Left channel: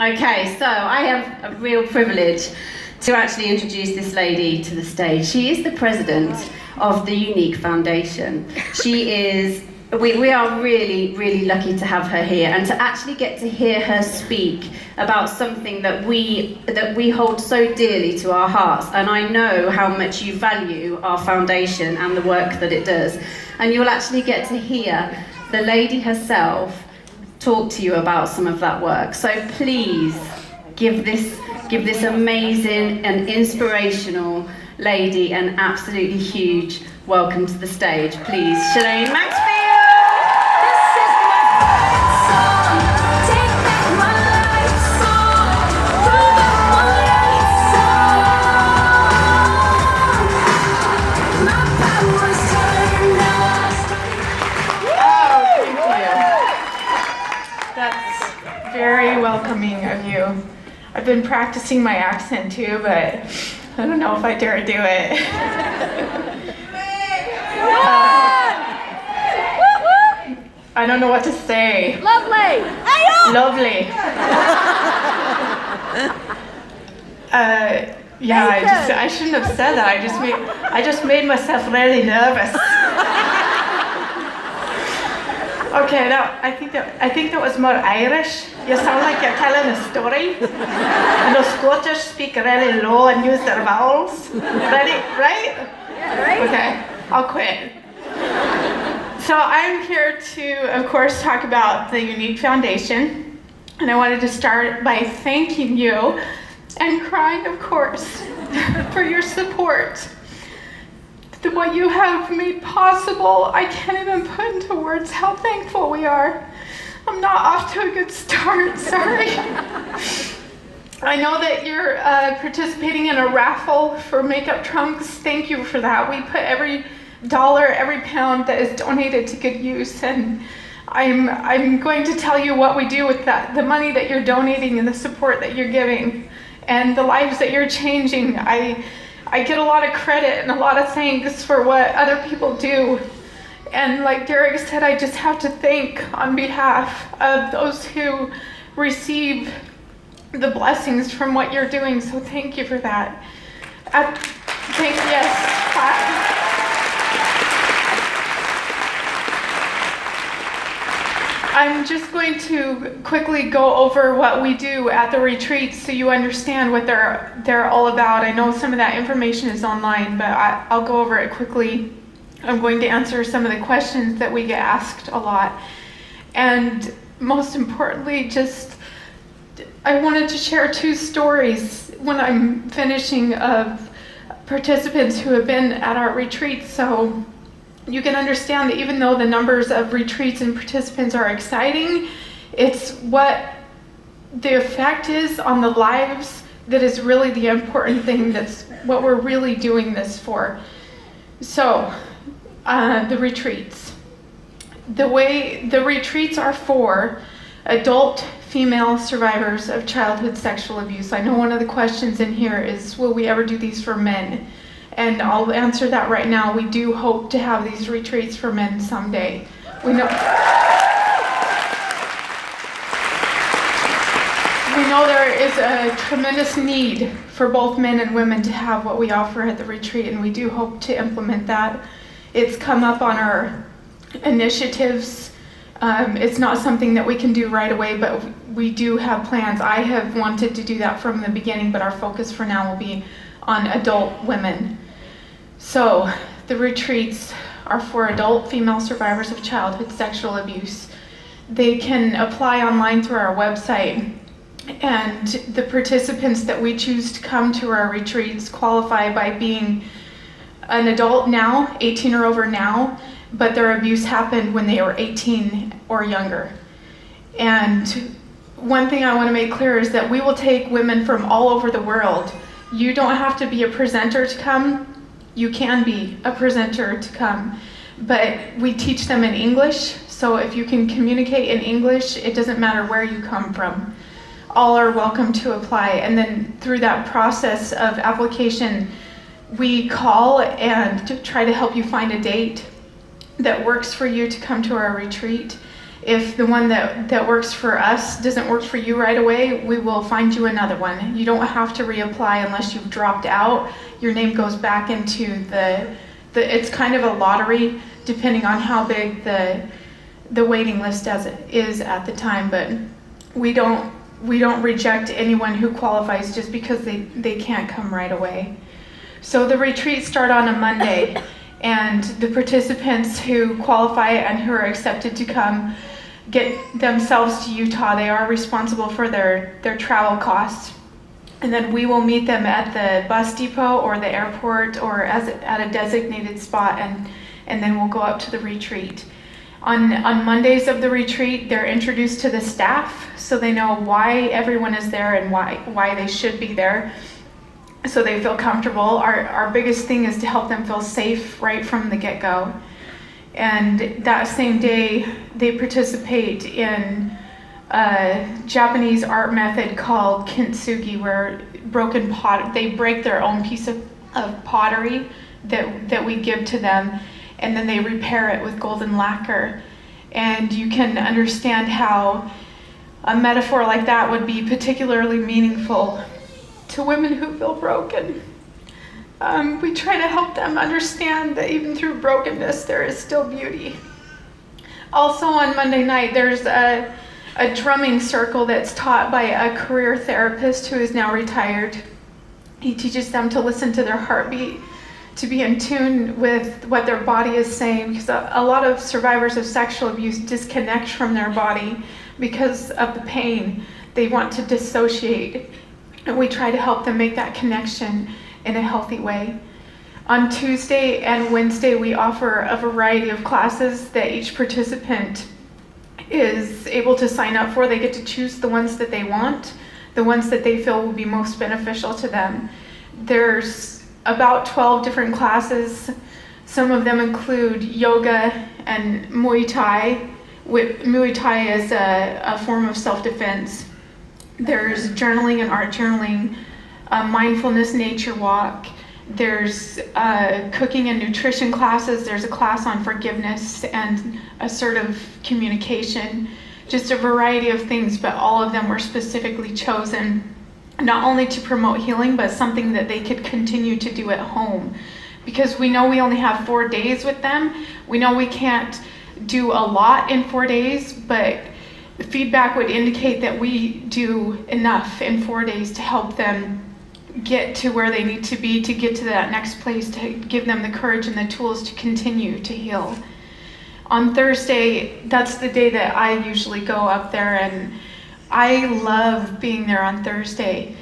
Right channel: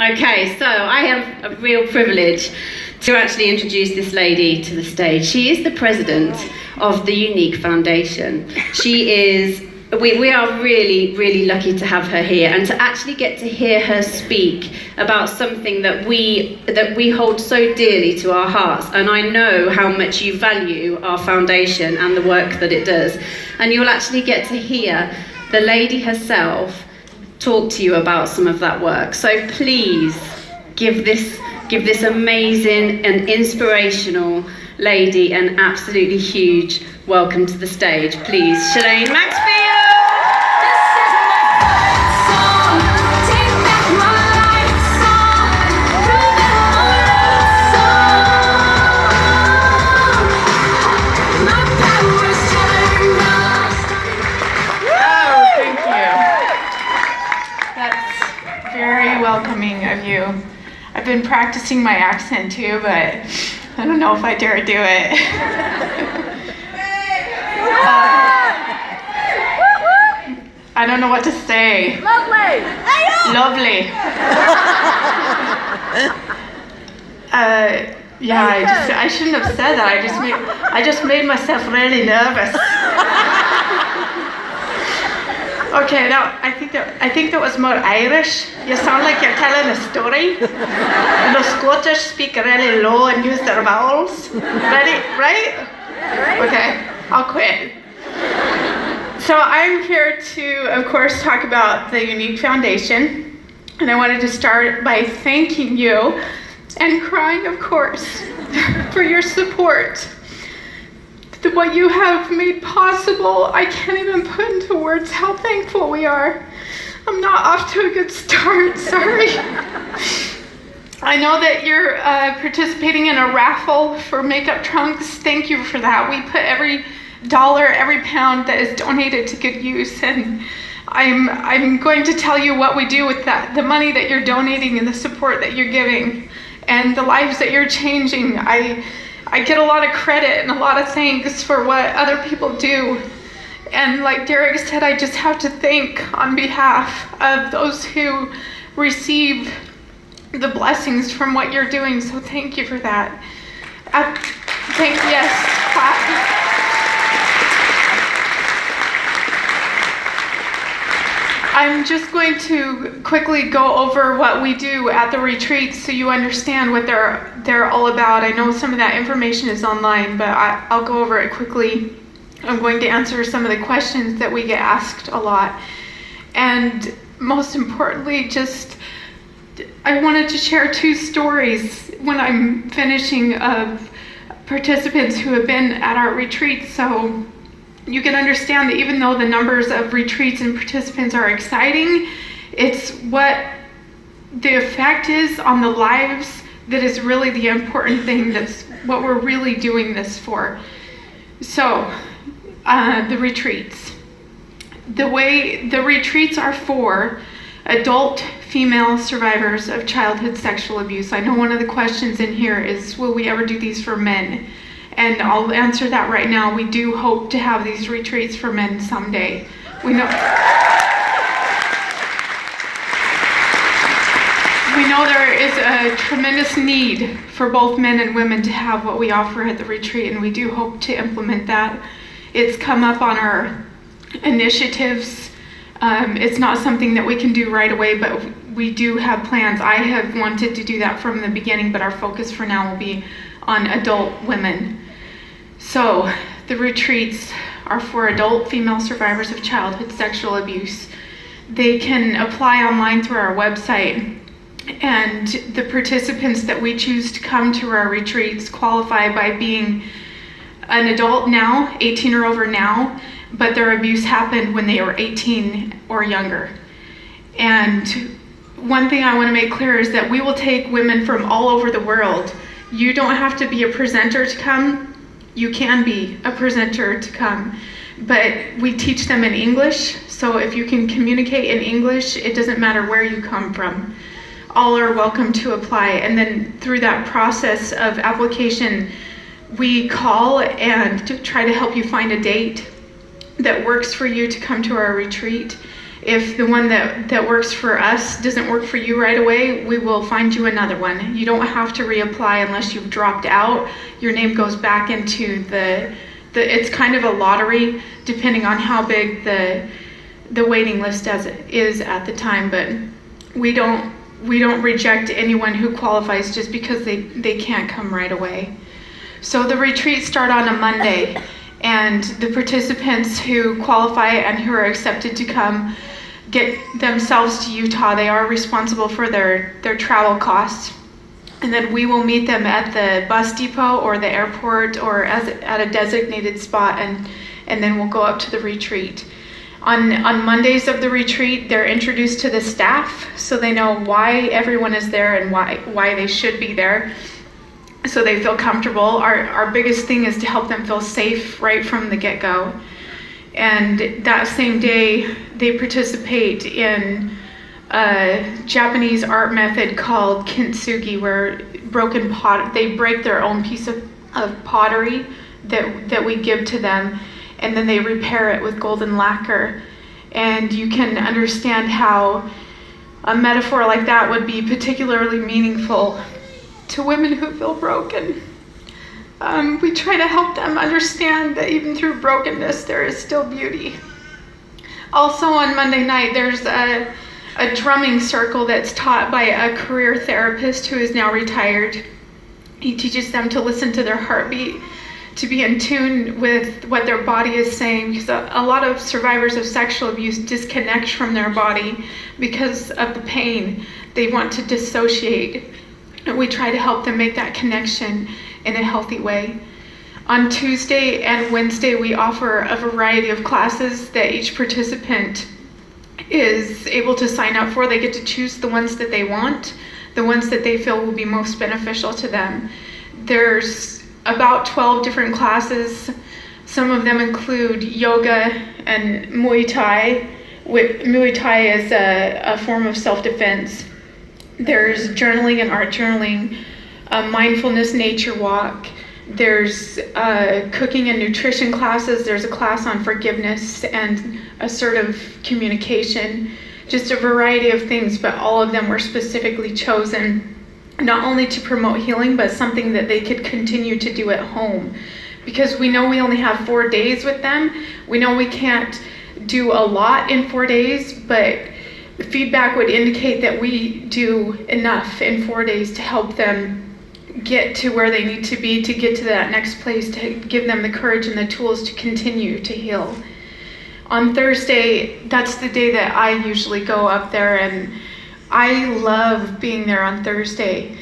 Okay, so I have a real privilege to actually introduce this lady to the stage. She is the president of the Younique Foundation. She is, we are really, really lucky to have her here and to actually get to hear her speak about something that we hold so dearly to our hearts. And I know how much you value our foundation and the work that it does. And you'll actually get to hear the lady herself talk to you about some of that work. So please give this amazing and inspirational lady an absolutely huge welcome to the stage. Please, Shelaine Maxfield. Very welcoming of you. I've been practicing my accent too, but I don't know if I dare do it. I don't know what to say. Lovely. Lovely. Yeah, I shouldn't have said that. I just made myself really nervous. Okay, now I think that was more Irish. You sound like you're telling a story. The Scottish speak really low and use their vowels. Ready? Right? Yeah, right. Okay, I'll quit. So I'm here to, of course, talk about the Younique Foundation. And I wanted to start by thanking you and crying, of course, for your support. What you have made possible, I can't even put into words how thankful we are. I'm not off to a good start, sorry. I know that you're participating in a raffle for makeup trunks. Thank you for that. We put every dollar, every pound that is donated to good use, and I'm going to tell you what we do with that, the money that you're donating and the support that you're giving and the lives that you're changing. I get a lot of credit and a lot of thanks for what other people do. And like Derek said, I just have to thank on behalf of those who receive the blessings from what you're doing. So thank you for that. Yes. I'm just going to quickly go over what we do at the retreats so you understand what they're all about. I know some of that information is online, but I'll go over it quickly. I'm going to answer some of the questions that we get asked a lot. And most importantly, I wanted to share 2 stories when I'm finishing of participants who have been at our retreats. So you can understand that even though the numbers of retreats and participants are exciting, it's what the effect is on the lives that is really the important thing. That's what we're really doing this for. So, the retreats. The way the retreats are for adult female survivors of childhood sexual abuse. I know one of the questions in here is, will we ever do these for men? And I'll answer that right now. We do hope to have these retreats for men someday. We know there is a tremendous need for both men and women to have what we offer at the retreat, and we do hope to implement that. It's come up on our initiatives. It's not something that we can do right away, but we do have plans. I have wanted to do that from the beginning, but our focus for now will be on adult women. So the retreats are for adult female survivors of childhood sexual abuse. They can apply online through our website, and the participants that we choose to come to our retreats qualify by being an adult now, 18 or over now, but their abuse happened when they were 18 or younger. And one thing I want to make clear is that we will take women from all over the world. You don't have to be a presenter to come. You can be a presenter to come, but we teach them in English. So if you can communicate in English, it doesn't matter where you come from. All are welcome to apply. And then through that process of application, we call and try to help you find a date that works for you to come to our retreat. If the one that works for us doesn't work for you right away, we will find you another one. You don't have to reapply unless you've dropped out. Your name goes back into it's kind of a lottery depending on how big the waiting list is at the time, but we don't reject anyone who qualifies just because they can't come right away. So the retreats start on a Monday, and the participants who qualify and who are accepted to come get themselves to Utah. They are responsible for their travel costs. And then we will meet them at the bus depot or the airport or at a designated spot, and then we'll go up to the retreat. On Mondays of the retreat, they're introduced to the staff so they know why everyone is there and why they should be there, so they feel comfortable. Our biggest thing is to help them feel safe right from the get-go. And that same day, they participate in a Japanese art method called kintsugi, where they break their own piece of pottery that we give to them, and then they repair it with golden lacquer. And you can understand how a metaphor like that would be particularly meaningful to women who feel broken. We try to help them understand that even through brokenness, there is still beauty. Also on Monday night, there's a drumming circle that's taught by a career therapist who is now retired. He teaches them to listen to their heartbeat, to be in tune with what their body is saying, because a lot of survivors of sexual abuse disconnect from their body because of the pain. They want to dissociate, and we try to help them make that connection in a healthy way. On Tuesday and Wednesday, we offer a variety of classes that each participant is able to sign up for. They get to choose the ones that they want, the ones that they feel will be most beneficial to them. There's about 12 different classes. Some of them include yoga and Muay Thai. Muay Thai is a form of self-defense. There's journaling and art journaling, a mindfulness nature walk. There's cooking and nutrition classes. There's a class on forgiveness and assertive communication. Just a variety of things, but all of them were specifically chosen not only to promote healing, but something that they could continue to do at home. Because we know we only have 4 days with them. We know we can't do a lot in 4 days, but feedback would indicate that we do enough in 4 days to help them get to where they need to be, to get to that next place, to give them the courage and the tools to continue to heal. On Thursday, that's the day that I usually go up there, and I love being there on Thursday.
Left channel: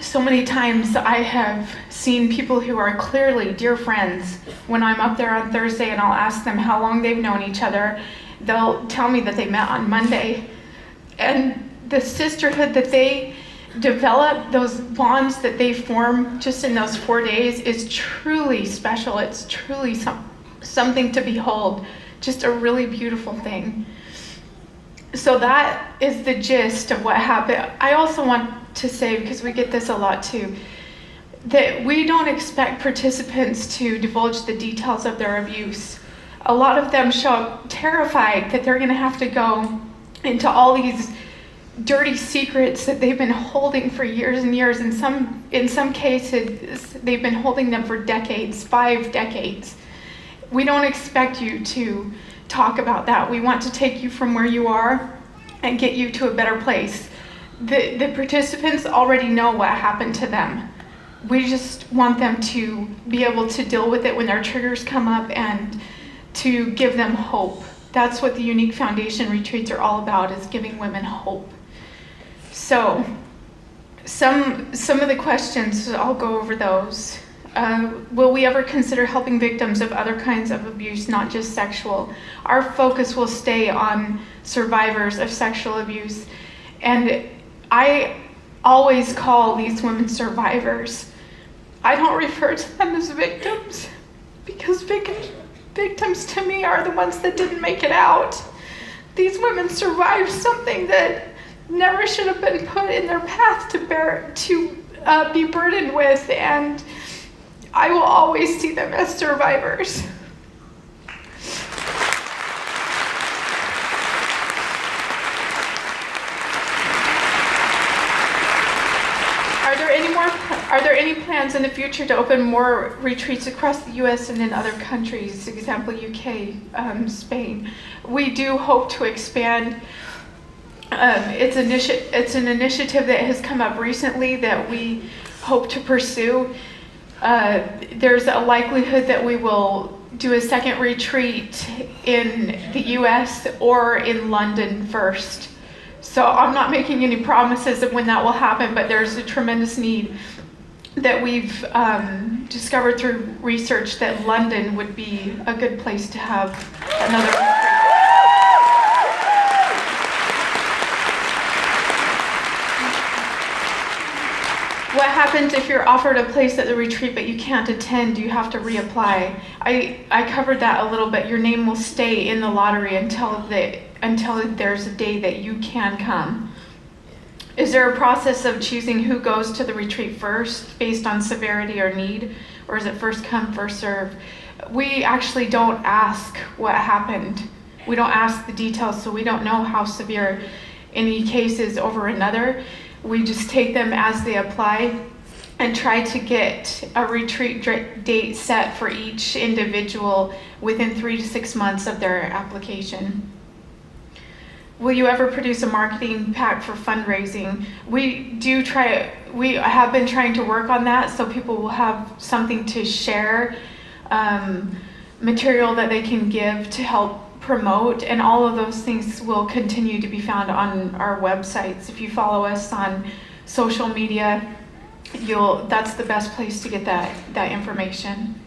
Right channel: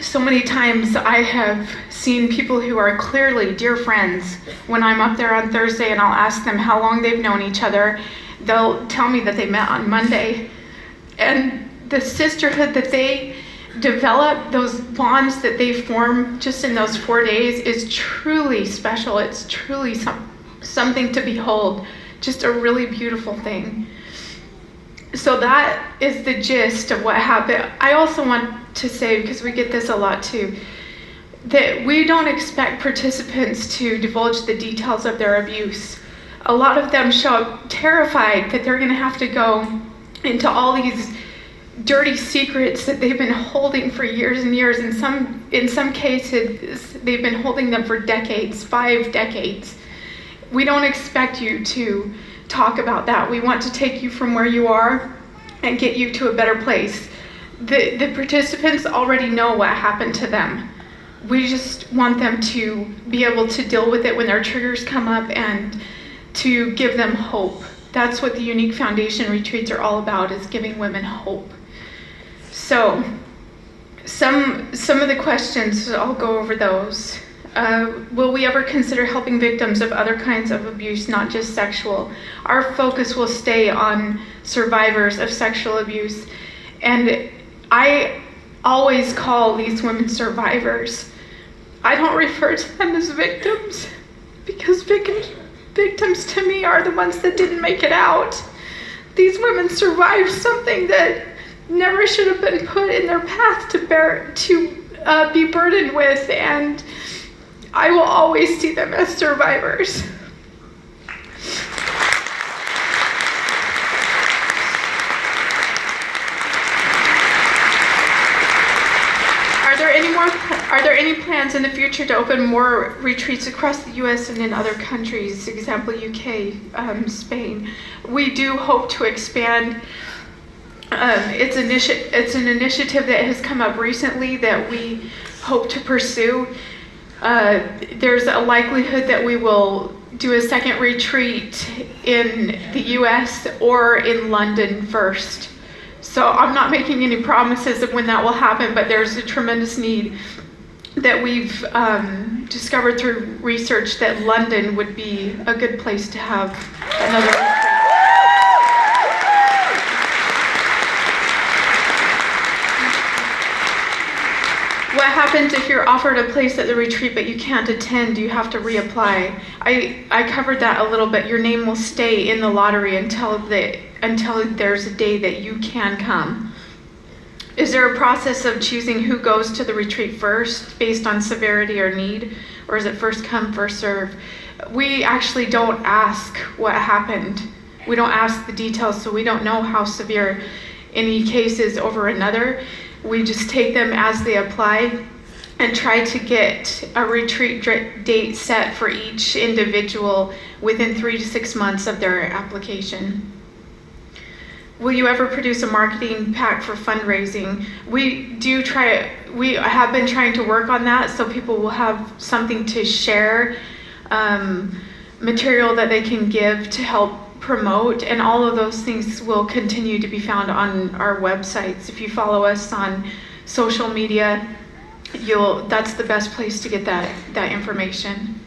So many times I have seen people who are clearly dear friends when I'm up there on Thursday, and I'll ask them how long they've known each other. They'll tell me that they met on Monday. And the sisterhood that they develop, those bonds that they form just in those 4 days, is truly special. It's truly something to behold, just a really beautiful thing. So that is the gist of what happened. I also want to say, because we get this a lot too, that we don't expect participants to divulge the details of their abuse. A lot of them show up terrified that they're going to have to go into all these dirty secrets that they've been holding for years and years. In some cases, they've been holding them for decades, 5 decades. We don't expect you to talk about that. We want to take you from where you are and get you to a better place. The participants already know what happened to them. We just want them to be able to deal with it when their triggers come up and to give them hope. That's what the Younique Foundation retreats are all about, is giving women hope. So some of the questions, I'll go over those. Will we ever consider helping victims of other kinds of abuse, not just sexual? Our focus will stay on survivors of sexual abuse. And I always call these women survivors. I don't refer to them as victims, because victims to me are the ones that didn't make it out. These women survived something that never should have been put in their path to be burdened with, and I will always see them as survivors. Are there any plans in the future to open more retreats across the U.S. and in other countries, example UK, Spain? We do hope to expand. It's an initiative that has come up recently that we hope to pursue. There's a likelihood that we will do a second retreat in the US or in London first. So I'm not making any promises of when that will happen, but there's a tremendous need that we've discovered through research that London would be a good place to have another retreat. What happens if you're offered a place at the retreat but you can't attend? Do you have to reapply? I covered that a little bit. Your name will stay in the lottery until there's a day that you can come. Is there a process of choosing who goes to the retreat first based on severity or need? Or is it first come, first serve? We actually don't ask what happened. We don't ask the details, so we don't know how severe any case is over another. We just take them as they apply and try to get a retreat date set for each individual within 3 to 6 months of their application. Will you ever produce a marketing pack for fundraising? We have been trying to work on that so people will have something to share, material that they can give to help promote, and all of those things will continue to be found on our websites. If you follow us on social media, that's the best place to get that information.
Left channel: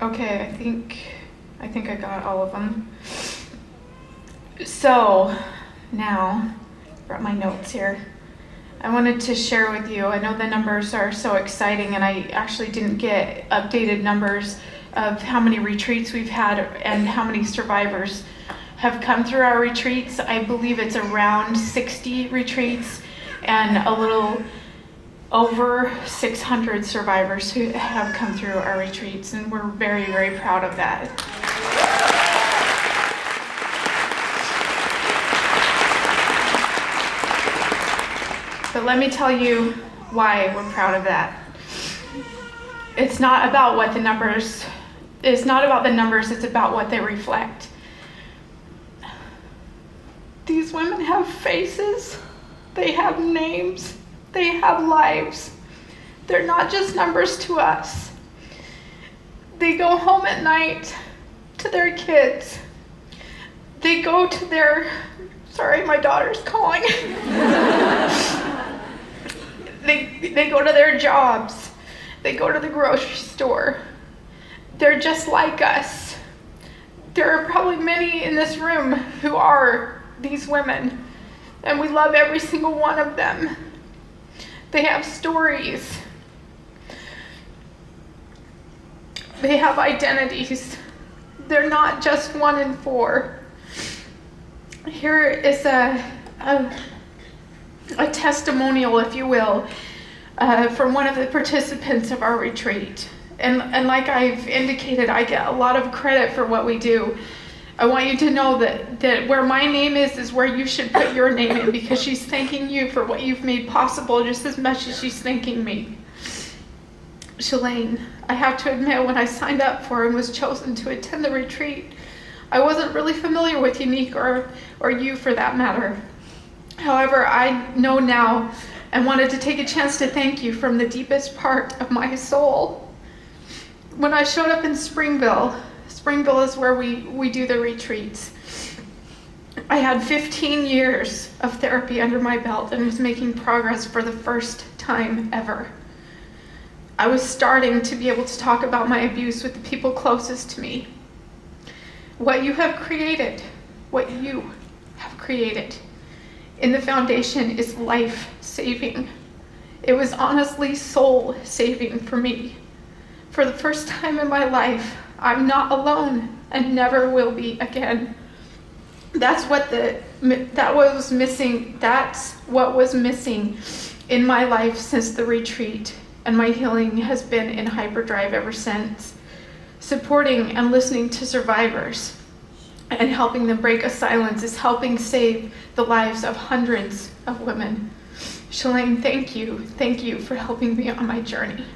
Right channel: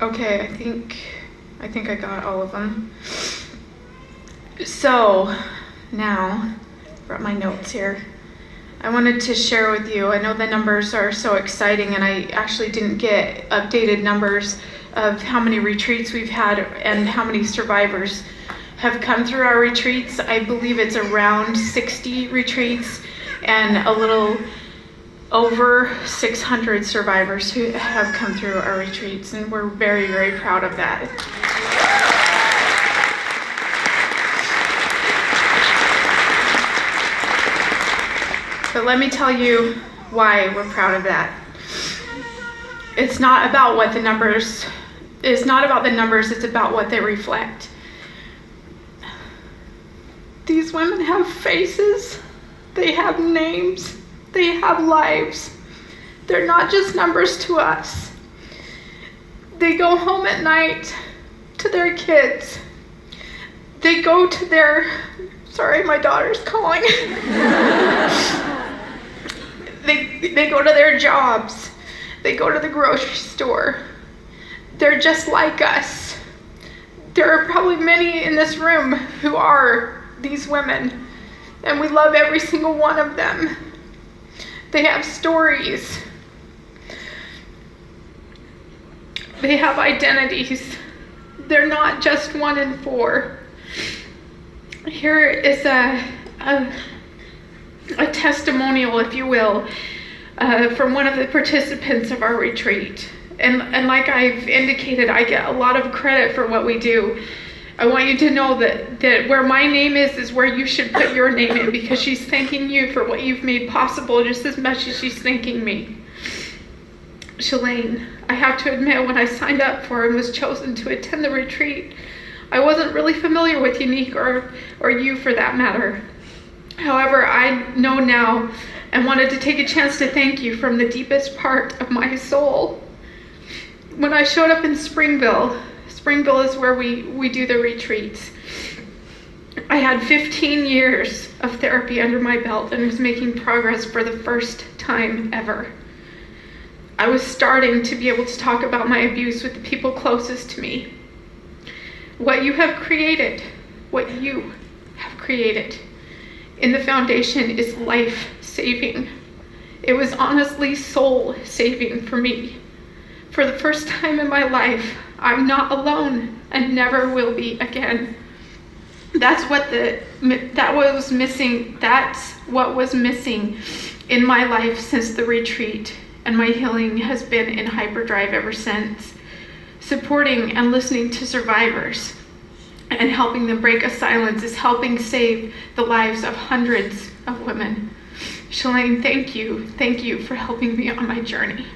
Okay, I think I got all of them. So now, brought my notes here. I wanted to share with you, I know the numbers are so exciting, and I actually didn't get updated numbers of how many retreats we've had and how many survivors have come through our retreats. I believe it's around 60 retreats and a little over 600 survivors who have come through our retreats, and we're very, very proud of that. But let me tell you why we're proud of that. It's not about the numbers, it's about what they reflect. These women have faces, they have names, they have lives. They're not just numbers to us. They go home at night to their kids. They go to their, sorry, my daughter's calling. They go to their jobs. They go to the grocery store. They're just like us. There are probably many in this room who are these women, and we love every single one of them. They have stories. They have identities. They're not just 1 in 4. Here is a testimonial, if you will, from one of the participants of our retreat. And like I've indicated, I get a lot of credit for what we do. I want you to know that where my name is where you should put your name in, because she's thanking you for what you've made possible just as much as she's thanking me. Shelaine, I have to admit, when I signed up for and was chosen to attend the retreat, I wasn't really familiar with Younique or you for that matter. However, I know now and wanted to take a chance to thank you from the deepest part of my soul. When I showed up in Springville is where we do the retreats. I had 15 years of therapy under my belt and was making progress for the first time ever. I was starting to be able to talk about my abuse with the people closest to me. What you have created in the foundation is life-saving. It was honestly soul-saving for me. For the first time in my life, I'm not alone and never will be again. That's what was missing in my life since the retreat, and my healing has been in hyperdrive ever since. Supporting and listening to survivors and helping them break a silence is helping save the lives of hundreds of women. Shelaine, thank you. Thank you for helping me on my journey.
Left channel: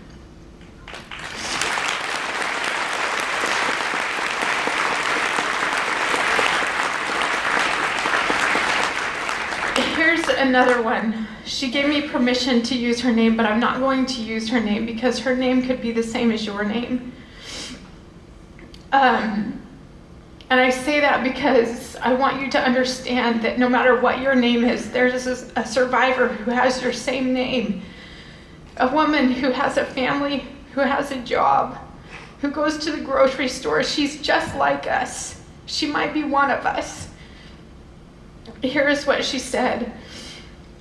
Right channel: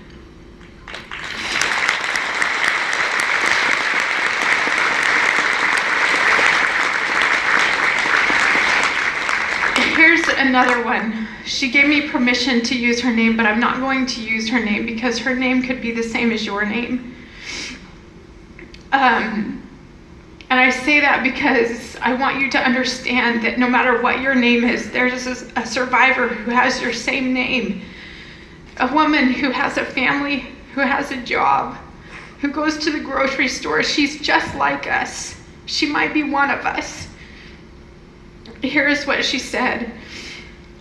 Here's another one. She gave me permission to use her name, but I'm not going to use her name because her name could be the same as your name. And I say that because I want you to understand that no matter what your name is, there's a survivor who has your same name. A woman who has a family, who has a job, who goes to the grocery store. She's just like us. She might be one of us. Here's what she said.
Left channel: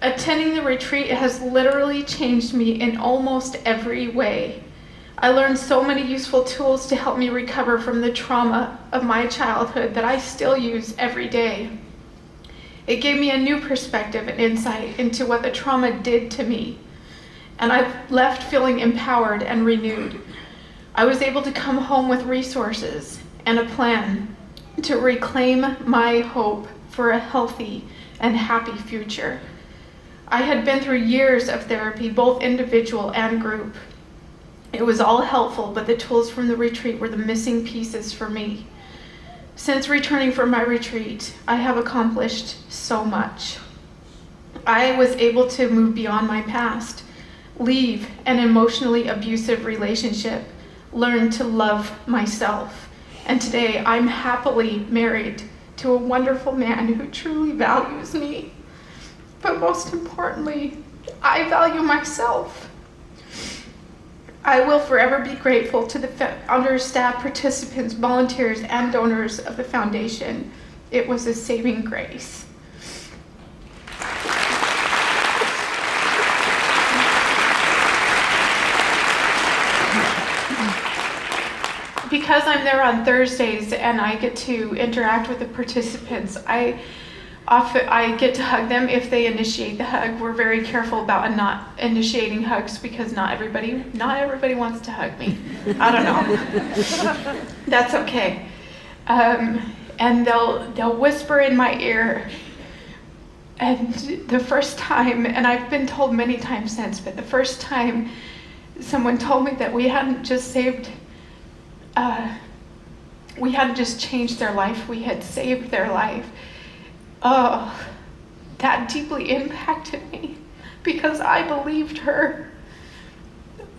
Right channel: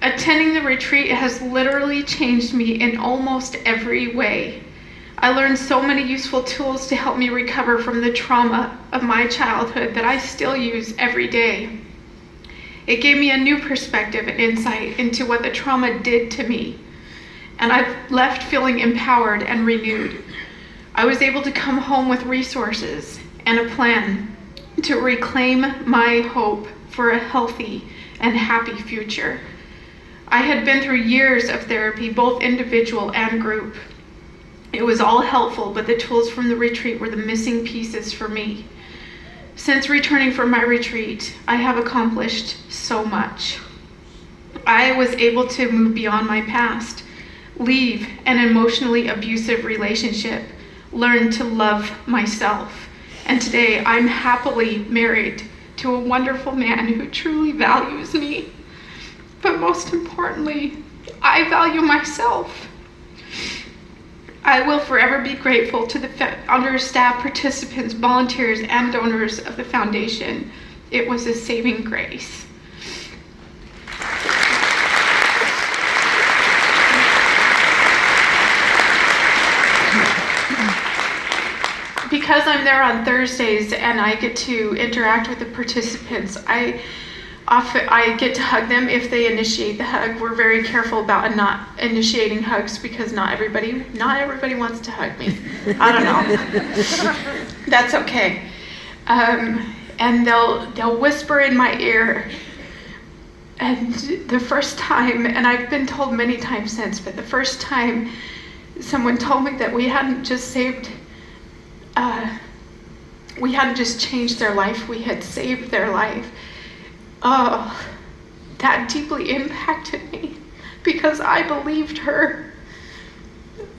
Attending the retreat has literally changed me in almost every way. I learned so many useful tools to help me recover from the trauma of my childhood that I still use every day. It gave me a new perspective and insight into what the trauma did to me, and I left feeling empowered and renewed. I was able to come home with resources and a plan to reclaim my hope for a healthy and happy future. I had been through years of therapy, both individual and group. It was all helpful, but the tools from the retreat were the missing pieces for me. Since returning from my retreat, I have accomplished so much. I was able to move beyond my past, leave an emotionally abusive relationship, learn to love myself, and today I'm happily married to a wonderful man who truly values me. But most importantly, I value myself. I will forever be grateful to the founders, staff, participants, volunteers, and donors of the foundation. It was a saving grace. Because I'm there on Thursdays and I get to interact with the participants, I get to hug them if they initiate the hug. We're very careful about not initiating hugs because not everybody wants to hug me. I don't know. That's okay. And they'll whisper in my ear. And the first time, and I've been told many times since, but the first time someone told me that we hadn't just changed their life, we had saved their life. Oh, that deeply impacted me because I believed her.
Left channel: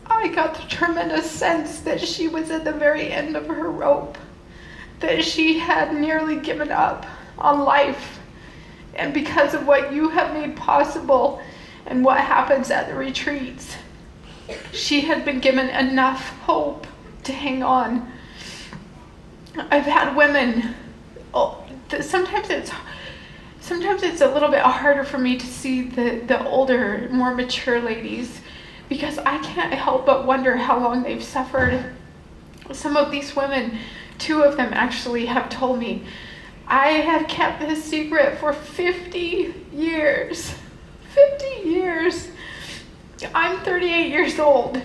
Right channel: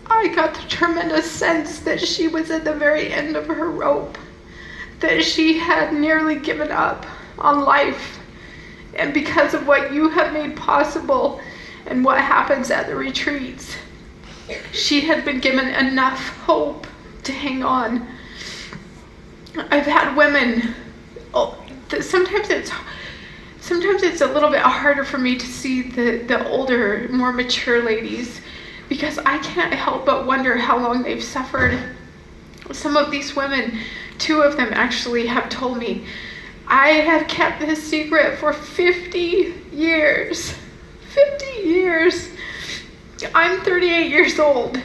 I got the tremendous sense that she was at the very end of her rope, that she had nearly given up on life. And because of what you have made possible and what happens at the retreats, she had been given enough hope to hang on. I've had women, sometimes it's a little bit harder for me to see the older, more mature ladies because I can't help but wonder how long they've suffered. Some of these women, 2 of them actually have told me, I have kept this secret for 50 years. 50 years. I'm 38 years old.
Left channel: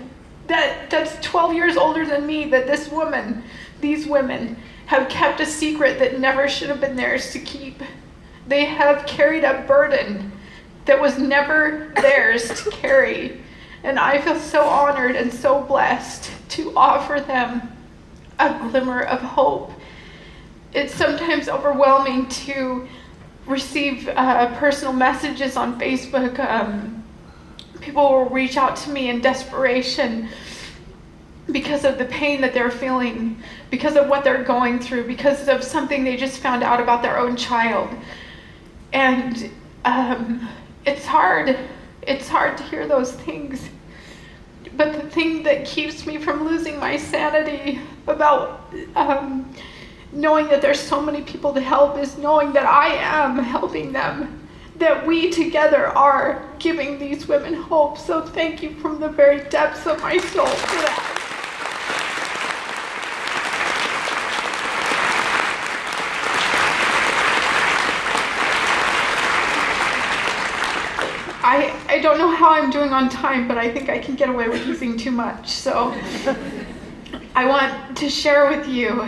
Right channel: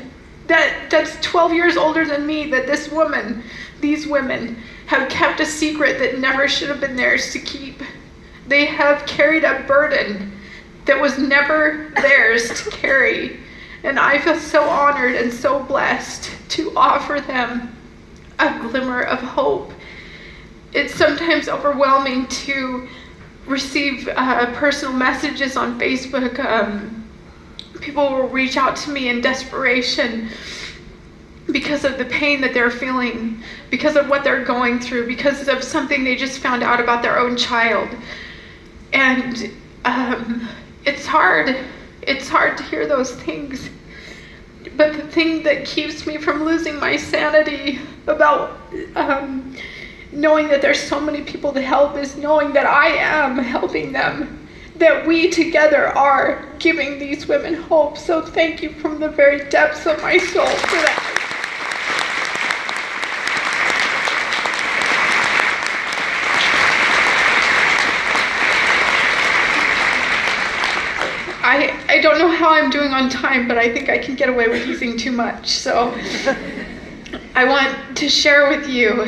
That's 12 years older than me that these women have kept a secret that never should have been theirs to keep. They have carried a burden that was never theirs to carry. And I feel so honored and so blessed to offer them a glimmer of hope. It's sometimes overwhelming to receive personal messages on Facebook. People will reach out to me in desperation because of the pain that they're feeling, because of what they're going through, because of something they just found out about their own child. And it's hard. It's hard to hear those things. But the thing that keeps me from losing my sanity about knowing that there's so many people to help is knowing that I am helping them, that we together are giving these women hope. So thank you from the very depths of my soul for that. I don't know how I'm doing on time, but I think I can get away with using too much. So I want to share with you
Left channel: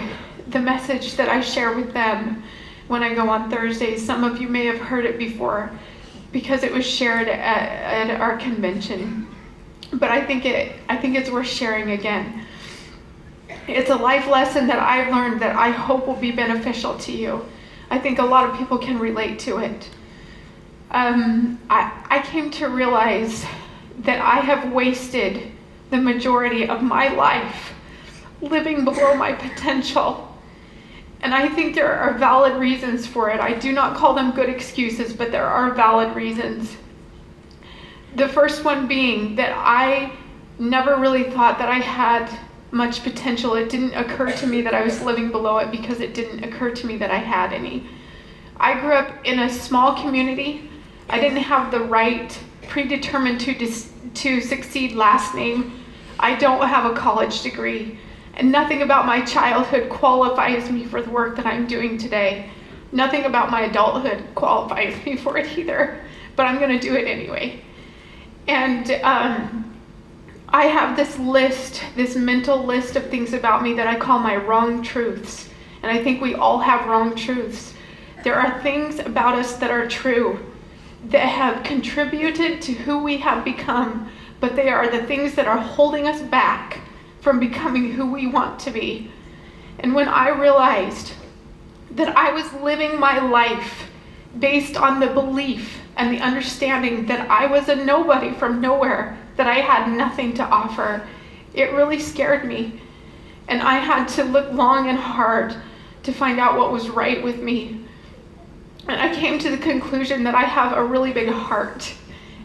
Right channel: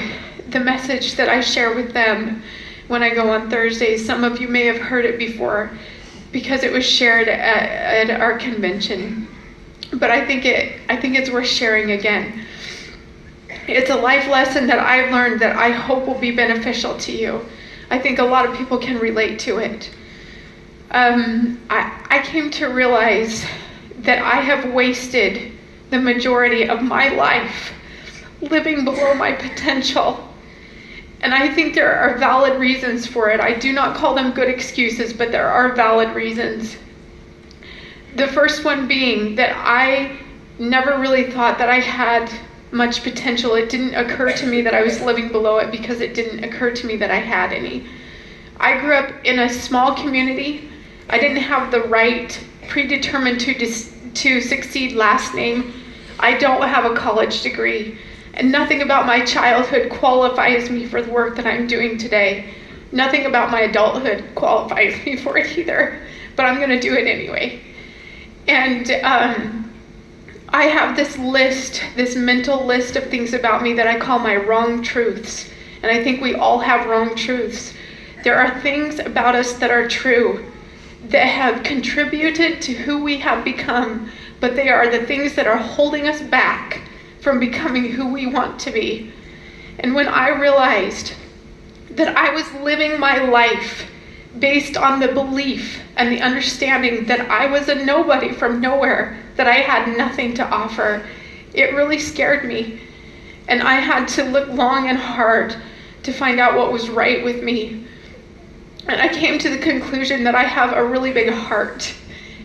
the message that I share with them when I go on Thursdays. Some of you may have heard it before. because it was shared at our convention. But I think it's worth sharing again. It's a life lesson that I've learned that I hope will be beneficial to you. I think a lot of people can relate to it. I came to realize that I have wasted the majority of my life living below my potential. And I think there are valid reasons for it. I do not call them good excuses, but there are valid reasons. The first one being that I never really thought that I had much potential. It didn't occur to me that I was living below it because it didn't occur to me that I had any. I grew up in a small community. I didn't have the right predetermined to succeed last name. I don't have a college degree. And nothing about my childhood qualifies me for the work that I'm doing today. Nothing about my adulthood qualifies me for it either, but I'm gonna do it anyway. And I have this list, this mental list of things about me that I call my wrong truths. And I think we all have wrong truths. There are things about us that are true, that have contributed to who we have become, but they are the things that are holding us back from becoming who we want to be. And when I realized that I was living my life based on the belief and the understanding that I was a nobody from nowhere, that I had nothing to offer, it really scared me. And I had to look long and hard to find out what was right with me. And I came to the conclusion that I have a really big heart,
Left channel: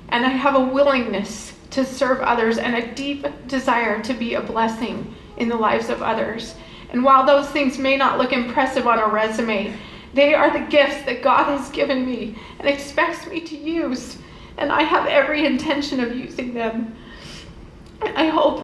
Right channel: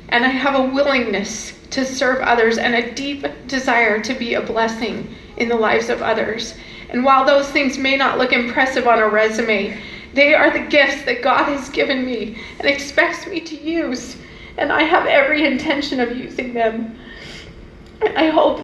and I have a willingness to serve others and a deep desire to be a blessing in the lives of others. And while those things may not look impressive on a resume, they are the gifts that God has given me and expects me to use. And I have every intention of using them. I hope